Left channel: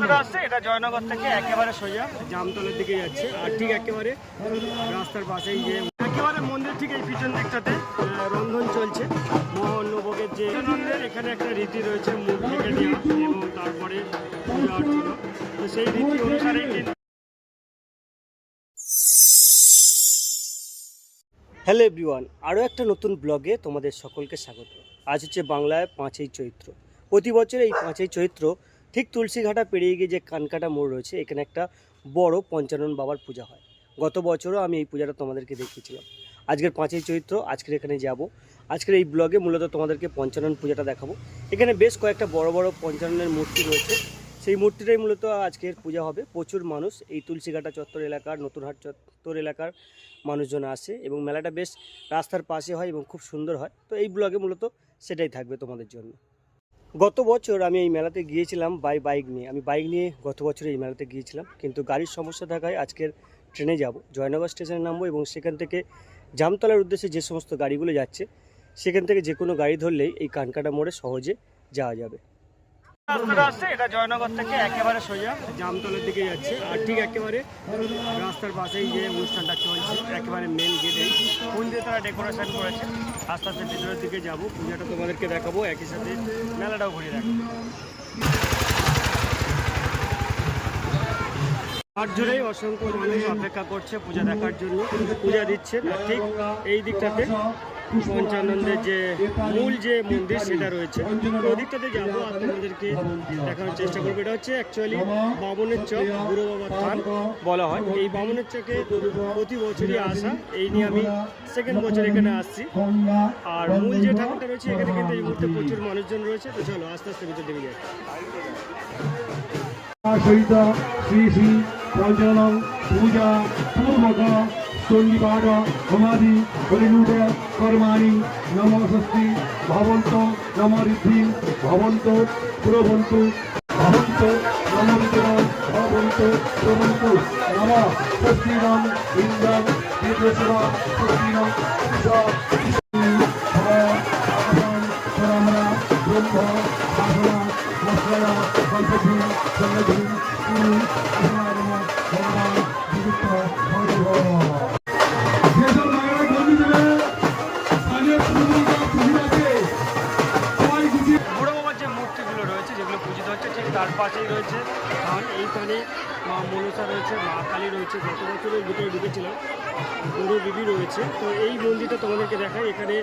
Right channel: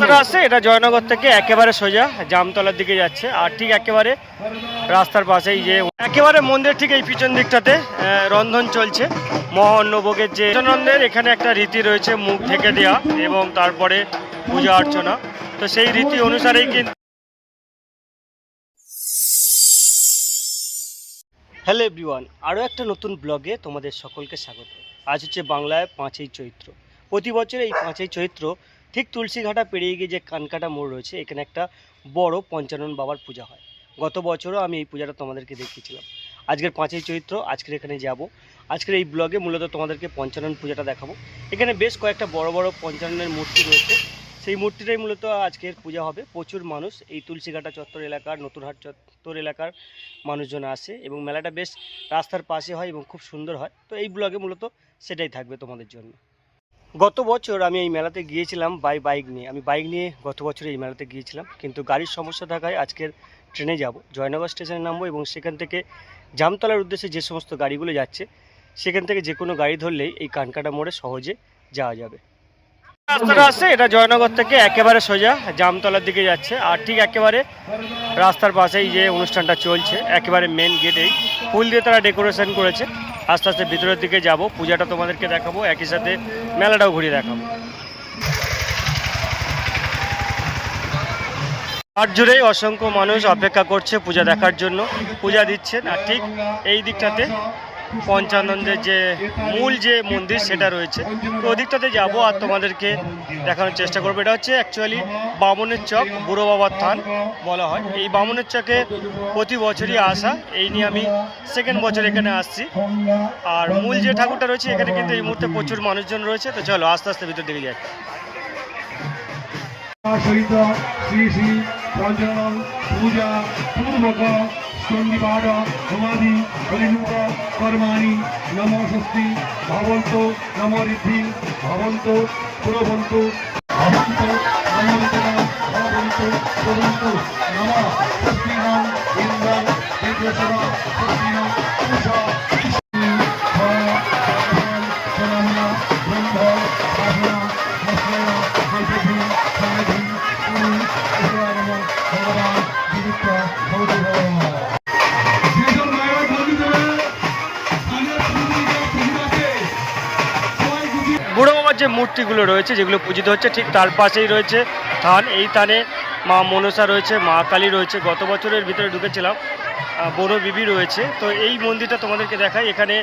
রাস্তাটা আসছে এটা জয়নগর থেকে একেবারে সোজা, জামতলার দিকে যাচ্ছে। আর ঠিক একেবারে রাস্তার পাশেই যে, একেবারে মন্দির ঠিক এই পিছন দিকটাতে রন্ধন চলছে। মহান্নভোগের যে নন্দের এখানে একটা রীতি রয়েছে, মুখ ঢেকে দেওয়া এবং তারপরে পূজা অর্চনা। তো সেই রীতি অনুসারেই কিন্তু হ্যালো এভরিওয়ান আরও একটা নতুন ব্লগে তোমাদের সকলকে স্বাগত। আজ হচ্ছে বাংলায় পাঁচই চৈত্র। প্রতি বছর এই পাঁচই চৈত্র ঠিক তুলসীঘাটা পেরিয়ে গিয়ে যে কানকাটা মোড় রয়েছে, এখানে একটা বড় পঞ্চানন বাবার পূজা হয়। গত বছরও আমি এই পূজাটা তোমাদেরকে দেখিয়েছিলাম। আজকের পাঁচই চৈত্র, আজকের এখানে যাব। আজকের এই ব্লগে মূলত তোমাদেরকে পঞ্চানন পূজাটা দেখাবো। এখানে বেশ কয়েকটা বড় বড় পঞ্চাননের মূর্তি রয়েছে। সেই মূর্তিটাই মূলত আজকের পূজা হবে। প্রচুর মানুষ এই তুলসীঘাটা চত্বর এলাকার, নতুনহাট চত্বর এলাকার মানুষজন আসে এবং মেলাটা বেশ রাস্তার পাশে হয় এবং খুব সুন্দর হয়। তো এই ব্লগে মূলত সেটাই থাকবে তোমাদের জন্য। গত বছর আমি এই মেলাতে গিয়েছিলাম বাই বাইক নিয়ে। আমি বাইক নিয়ে গত বছর এই মেলাতে গিয়েছিলাম, কিন্তু গাড়ির সমস্যা থাকায় আজকের ট্রেনে যাব। জয়নগর স্টেশনে নামবো এবং সেখান থেকে জামতলার উদ্দেশ্যে যে সমস্ত গাড়িগুলো যাচ্ছে, সেখান থেকে যে কোনো গাড়ি ধরলেই এই কানকাটা মোড়ে সহজে যাওয়া যাবে। রাস্তাটা আসছে, এটা জয়নগর থেকে একেবারে সোজা জামতলার দিকে যাচ্ছে। আর ঠিক একেবারে রাস্তার পাশেই যে অনুষ্ঠানটা চলছে, একেবারে মেন গেটেই ফুল দিয়ে তারা ডেকোরেশন করেছে। আস্তে আস্তে ভিতরের দিকে যাব। পূজাটা তোমাদেরকে দেখাবো, একই সাথে মেলাটাও ঘুরিয়ে দেখাবো। মাঠ জুড়েই অসংখ্য মানুষ অপেক্ষা করছে পূজা দেখার জন্য। পূজা দিচ্ছেন, আর ঠিক এই দিকটাতে পঞ্চানন্দের যে মূল যে মন্দির সেটা রয়েছে। তো ওদিকটাতে যাব আর তোমাদেরকে দেখানোর চেষ্টা করব। এটা হচ্ছে অ্যাকচুয়ালি বামনের চক, বুড়ো বাবার থান বলা হয়। এই বামনের চকে প্রতি বছরই আসা। এই নিয়ে আমি সেকেন্ড বছর এখানে আসছি। আর মূল যে ঠাকুরটা রয়েছে, এখানে কিন্তু এই মুহূর্তে প্রচুর মানুষজন রয়েছে। তো চলো, আস্তে আস্তে ভিতর দিকে যাচ্ছি সহিত শ্রী শ্রী পঞ্চানন পূজা পূর্বক চণ্ডীপাদ হোমাদি হরিমুখ কর্মাণি নম ষষ্ঠী ভবন্ত নম ঋদ্ধি ভবন্ত প্রবন্ত ভবন্ত নমোত্তর ভবন্ত পুরবন্তু নম ষষ্ঠীনাম ইন্দ্রম দেবসভা ষষ্ঠীনাম উষা মূর্তিগুলো রয়েছে, যেগুলো পূজিত হচ্ছে। ঠিক তার পাশেই রয়েছে থান। এই থানে মা মনসা রয়েছে, মা কালী রয়েছে। গত বছরের ভিতরে ঢুকেছিলাম। বনবিবি রয়েছে। তো এই মন্দিরটা তোমাদেরকে দেখাই। এখানে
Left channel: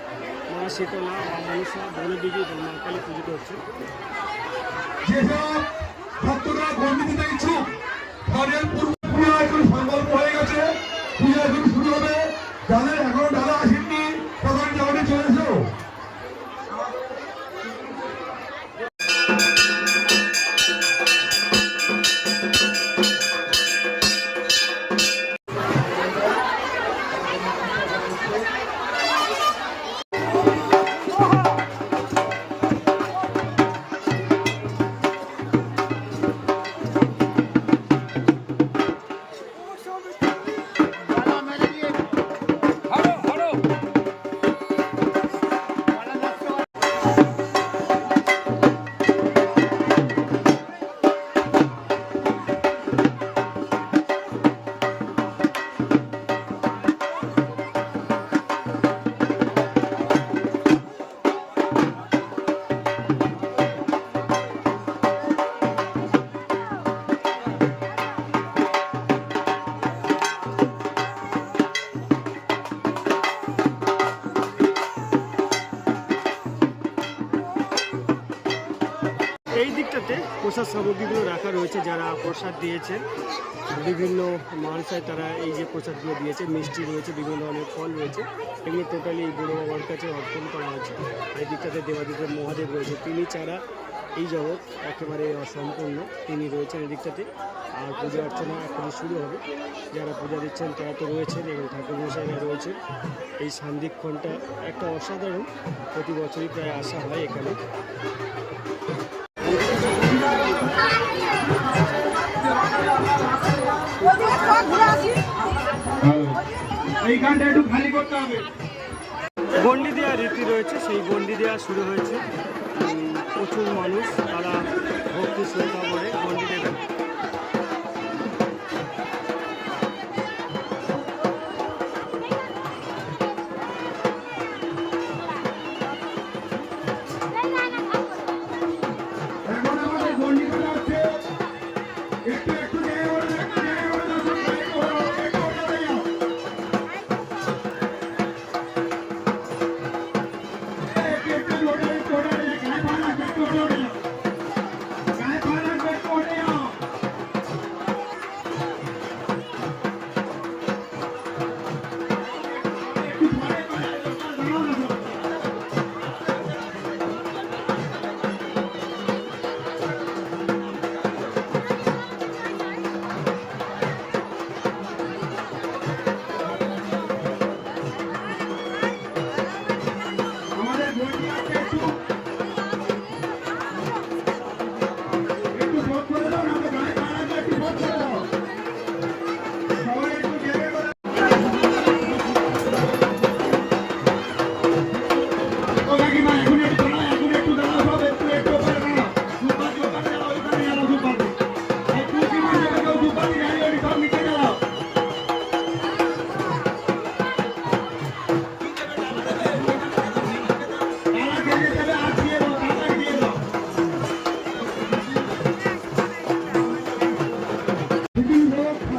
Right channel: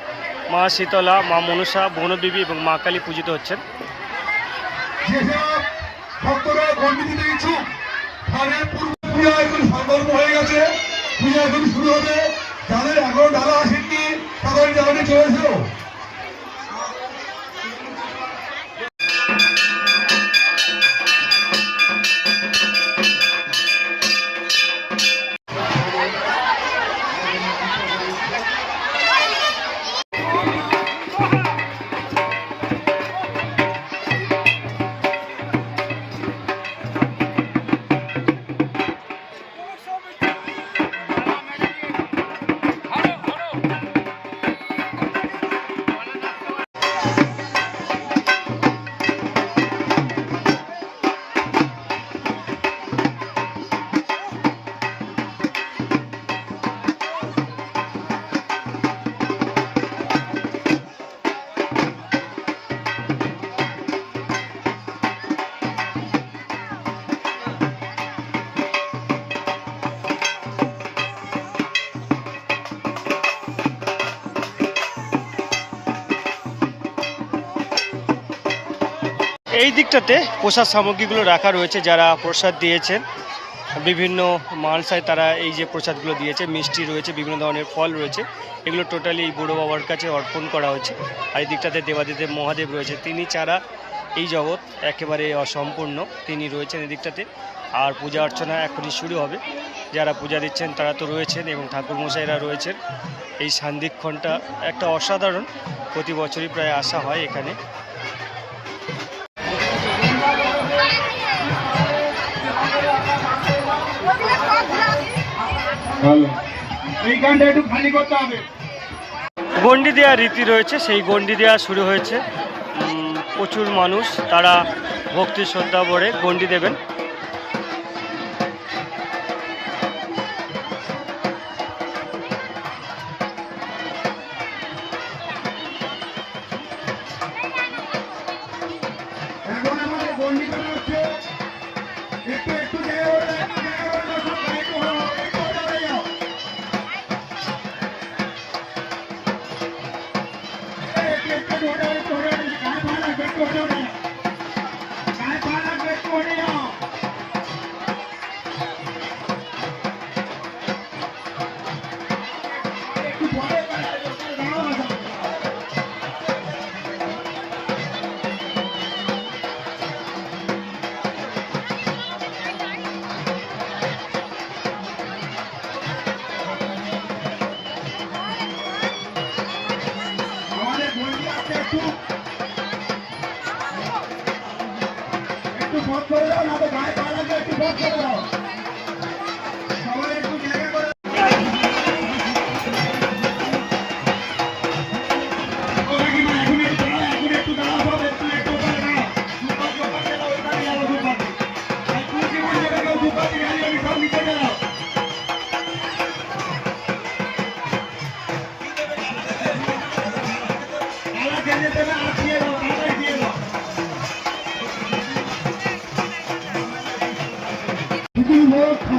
মা শীতলা, মা মনসা বনবিবি এবং মা কালী পূজিত হচ্ছেন। গণ্ডি দিতে ইচ্ছুক তাদের পূর্ব এই দিকটাতে প্রসাদ সামগ্রীগুলো রাখা রয়েছে যারা প্রসাদ দিয়েছেন। বিভিন্ন মালসায় তারা এই যে প্রসাদগুলো দিয়েছে, মিষ্টি রয়েছে, বিভিন্ন ধরনের ফল রয়েছে। এগুলো টোটালি এই বুড়ো বাবার কাছে অর্পণ করা হয়েছে। আর এই দিকটাতে দেবাদিদেব মহাদেব রয়েছে। তিনি ছাড়া এই জগৎ একেবারে অসম্পূর্ণ। তিনি রয়েছেন এই দিকটাতে। আর পূজা অর্চনা এখনই শুরু হবে। যারা পূজা দিচ্ছেন তারা তো রয়েছেন এবং ঠাকুরমশাইরা রয়েছেন। এই সান্দিক্ষণটা একটা অসাধারণ। প্রতি বছরই প্রায় আসা হয় এখানে। এই গানটা একটু খালি করতে হবে। গন্ডি দেওয়ার রীতি রয়েছে সেই গন্ডি দেওয়া শুরু হয়েছে। উম, প্রচুর মানুষ তারা ভক্তি শ্রদ্ধা ভরে গন্ডি দেবেন। একটু একটু করে দাও না তো গায়ে পা একটু ভোট করে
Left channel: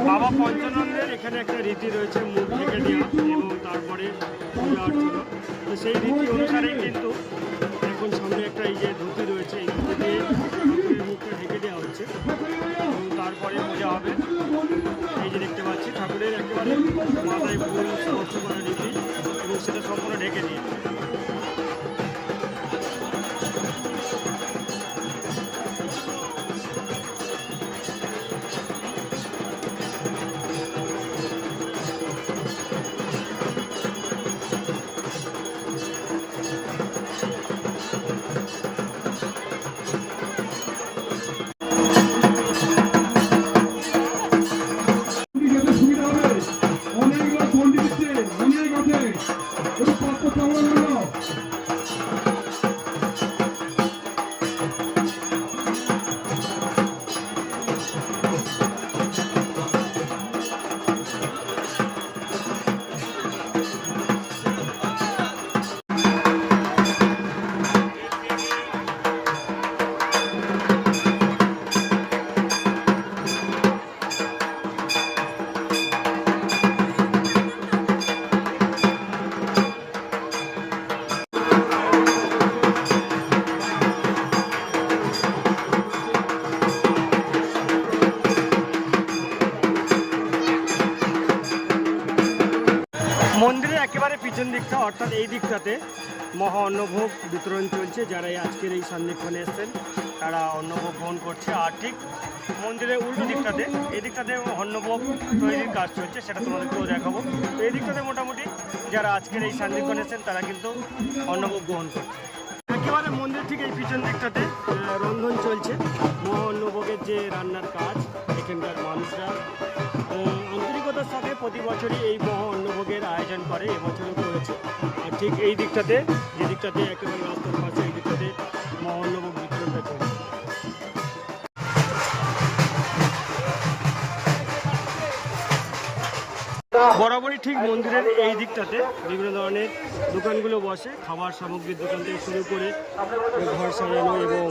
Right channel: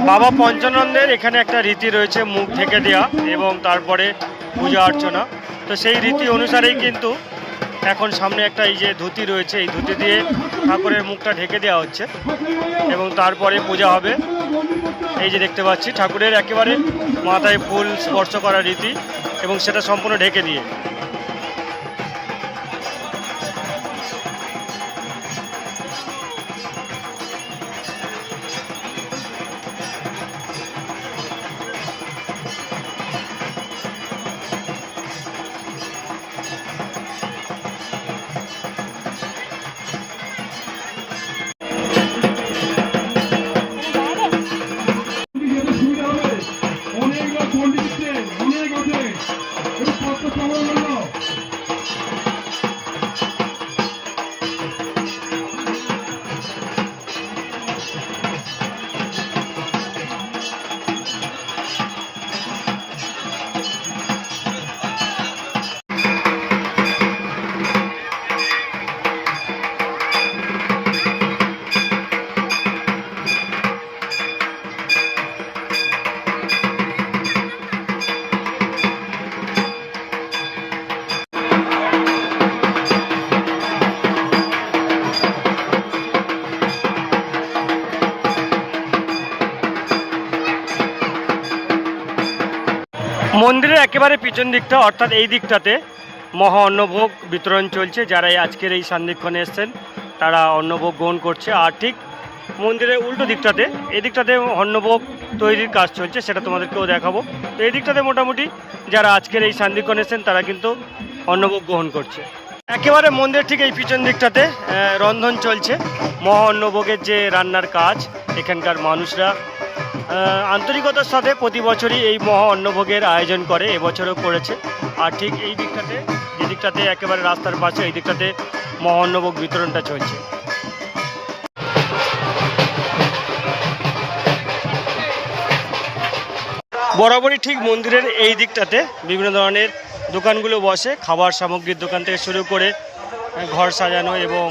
বাবা পঞ্চানন্দের এখানে একটা রীতি রয়েছে, মুখ ঢেকে দেওয়া এবং তারপরে পূজা অর্চনা। তো সেই রীতি অনুসারেই কিন্তু এখন সামনে একটা এই যে ধুতি রয়েছে, এই ধুতি দিয়ে ঠাকুরের মুখটা ঢেকে দেওয়া হচ্ছে এবং তারপরে পূজা হবে। এই যে দেখতে পাচ্ছি, ঠাকুরের একেবারে মাথায় ফুল স্পর্শ করার রীতি এবং সেটা সম্পূর্ণ ঢেকে দিয়ে। একেবারে পিছন দিকটা, অর্থাৎ এই দিকটাতে মহা অন্নভোগ বিতরণ চলছে। যারা আজকের এই সান্নিক্ষণে এসছেন, তারা অন্নভোগ গ্রহণ করছে। আর ঠিক মন্দিরের উল্টো দিকটাতে, এই দিকটাতে অন্নভোগ তৈরির কাজ চলছে, সেটা তোমাদেরকেও দেখাবো। তো এই দিকটাতে মোটামুটি যারা আজকের এই সান্নিক্ষণ এসছেন, তারা কিন্তু অন্নভোগ গ্রহণ করছে। একেবারে মন্দির ঠিক এই পিছন দিকটাতে রন্ধন চলছে। মহা অন্নভোগের যে রান্নার কাজ, এখানকার মানুষরা আন্তরিকতার সাথে প্রতি বছরই এই মহা অন্নভোগের আয়োজন করে, এবছরও করেছে। আর ঠিক এই দিকটাতে, যে দিকটাতে একেবারে রাস্তার পাশে, এই দিকটাতে মহা অন্নভোগ বিতরণটা চলছে। বরাবরই ঠিক মন্দিরের এই দিকটাতে বিভিন্ন ধরনের দোকানগুলো বসে, খাবার সামগ্রীর দোকান থেকে শুরু করে, ঘর সাজানো এবং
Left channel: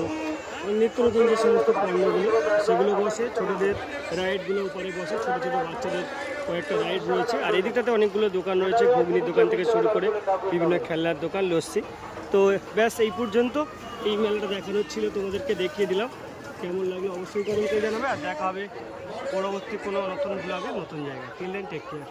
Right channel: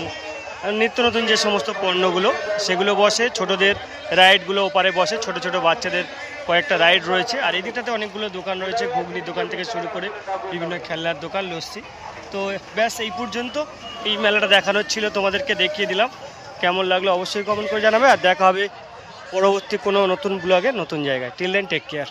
নিত্য নতুন যে সমস্ত পণ্যগুলো, সেগুলো বসে, ছোটদের রাইডগুলো ওপারে বসে, ছোট ছোট বাচ্চাদের কয়েকটা রাইড রয়েছে। আর এদিকটাতে অনেকগুলো দোকান রয়েছে, ঘুগনির দোকান থেকে শুরু করে বিভিন্ন খেলনার দোকান, লস্যি। তো ব্যাস, এই পর্যন্ত এই মেলাটা দেখানোর ছিল, তোমাদেরকে দেখিয়ে দিলাম। কেমন লাগল অবশ্যই কমেন্ট করে জানাবে, আর দেখা হবে পরবর্তী কোনো নতুন ব্লগে নতুন জায়গায়। Till then take care